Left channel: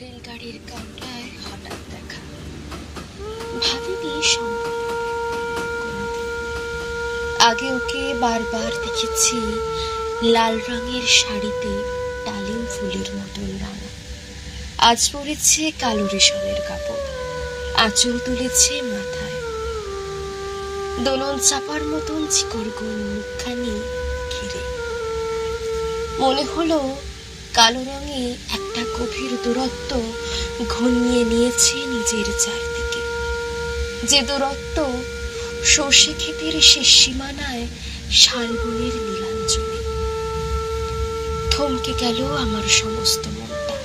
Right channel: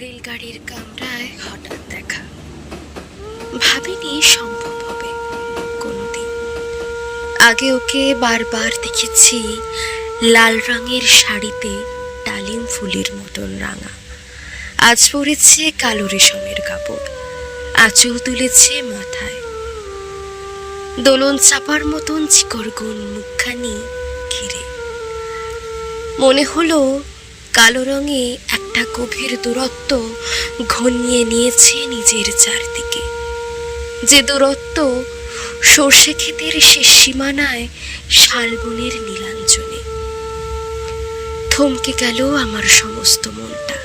রেলগাড়ির কামরায় হঠাৎ দেখা, ভাবিনি সম্ভব হবে কোনোদিন। আগে ওকে বারবার দেখেছি লাল রঙের শাড়িতে ডালিম ফুলের মতন রাঙা, আজ পরেছে কালো রেশমের কাপড়, আঁচল তুলেছে মাথায়। দোলন চাপার মতন চিকরগুন মুখখানি ঘিরে মনে হলো কালো রঙে একটা গভীর দূরত্ব ঘনিয়ে নিয়েছে নিজের চারদিকে, যে দূরত্ব সর্ষে ক্ষেতের শেষ সীমানায় শালবনের নীলাঞ্জনে। থমকে গেল আমার সমস্ত মনটা।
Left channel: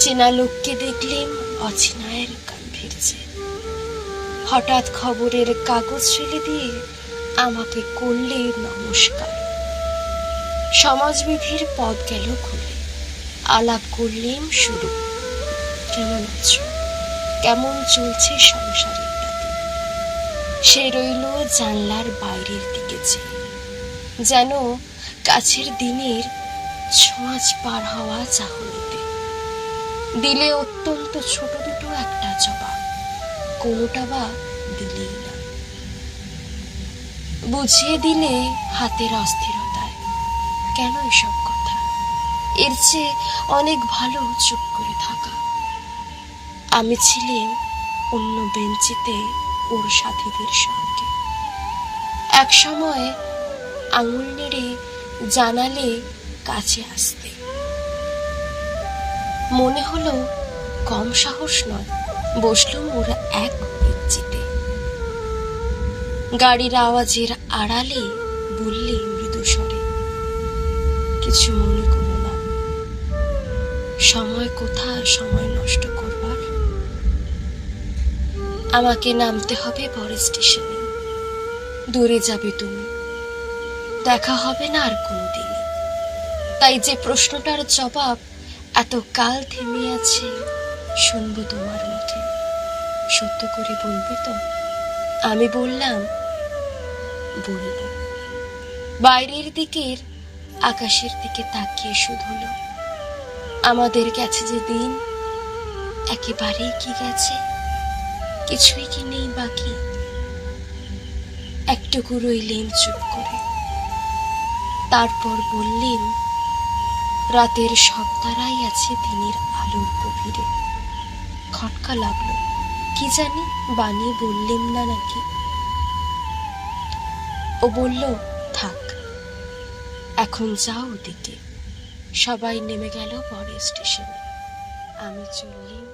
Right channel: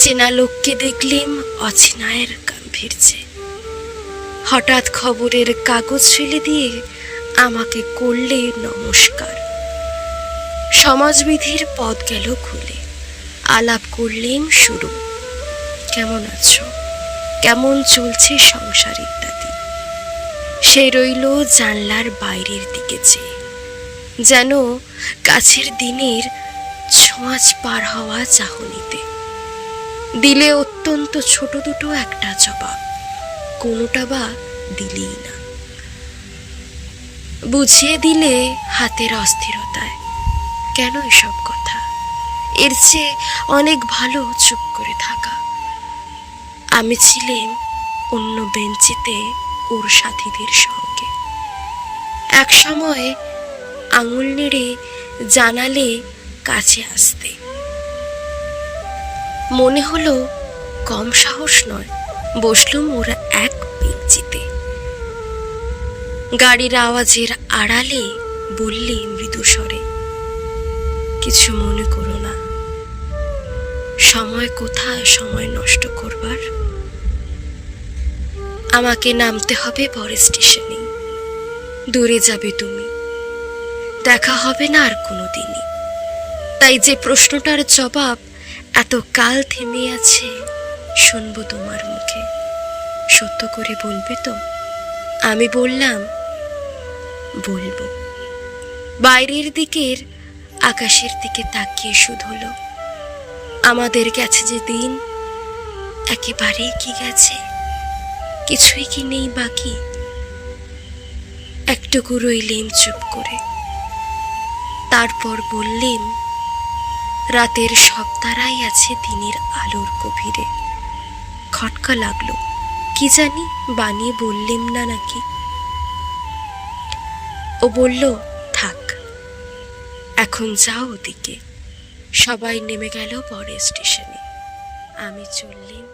চেনা লোককে দেখলেম অচেনায়ের গাম্ভীর্যে। হঠাৎ খবরের কাগজ ফেলে দিয়ে আমাকে করলে নমস্কার। সমাজবিধির পথ গেল খুলে, আলাপ করলেম শুরু। কেমন আছো, কেমন চলছে সংসার ইত্যাদি। সে রইল জানলার বাইরের দিকে চেয়ে, যেন কাছের দিনের ছোঁয়াচ পার হওয়া চাহনিতে। দিলে অত্যন্ত ছোট দুটো একটা জবাব, কোনোটা বা দিলেই না। বুঝিয়ে দিলে হাতের অস্থিরতায়, কেন এসব কথা, এর চেয়ে অনেক ভালো চুপ করে থাকা। আমি ছিলাম অন্য বেঞ্চিতে ওর সাথীদের সঙ্গে। এক সময় আঙুল নেড়ে জানালে কাছে আসতে। মনে হলো কম সাহস নয়, বসলুম ওরা এক বেঞ্চিতে। গাড়ির আওয়াজের আড়ালে বললে মৃদু স্বরে, কিছু মনে করো না। সময় কোথায় সময় নষ্ট করবার? আমাকে নামতে হবে পরের স্টেশনে। দূরে যাবে তুমি, দেখা হবে না আর কোনোদিনই। তাই যে প্রশ্নটার জবাব এত কাল থেমে আছে, শুনবো তোমার মুখে। সত্য করে বলবে তো? আমি বললাম, বলবো। বাইরের দিকের আকাশের দিকে তাকিয়ে শুধলো, আমাদের গেছে যে দিন, একেবারেই কি গেছে, কিছুই কি নেই বাকি। একটুকু রইলেম চুপ করে, তারপর বললেন, রাতের সব তারাই আছে দিনের আলোর গভীরে। খটকা লাগলো, কি জানি বানিয়ে বললেম না নাকি। ও বলল, থাক এখন যাও ওদিকে। সবাই নেমে গেল পরের স্টেশনে, আমি চললেম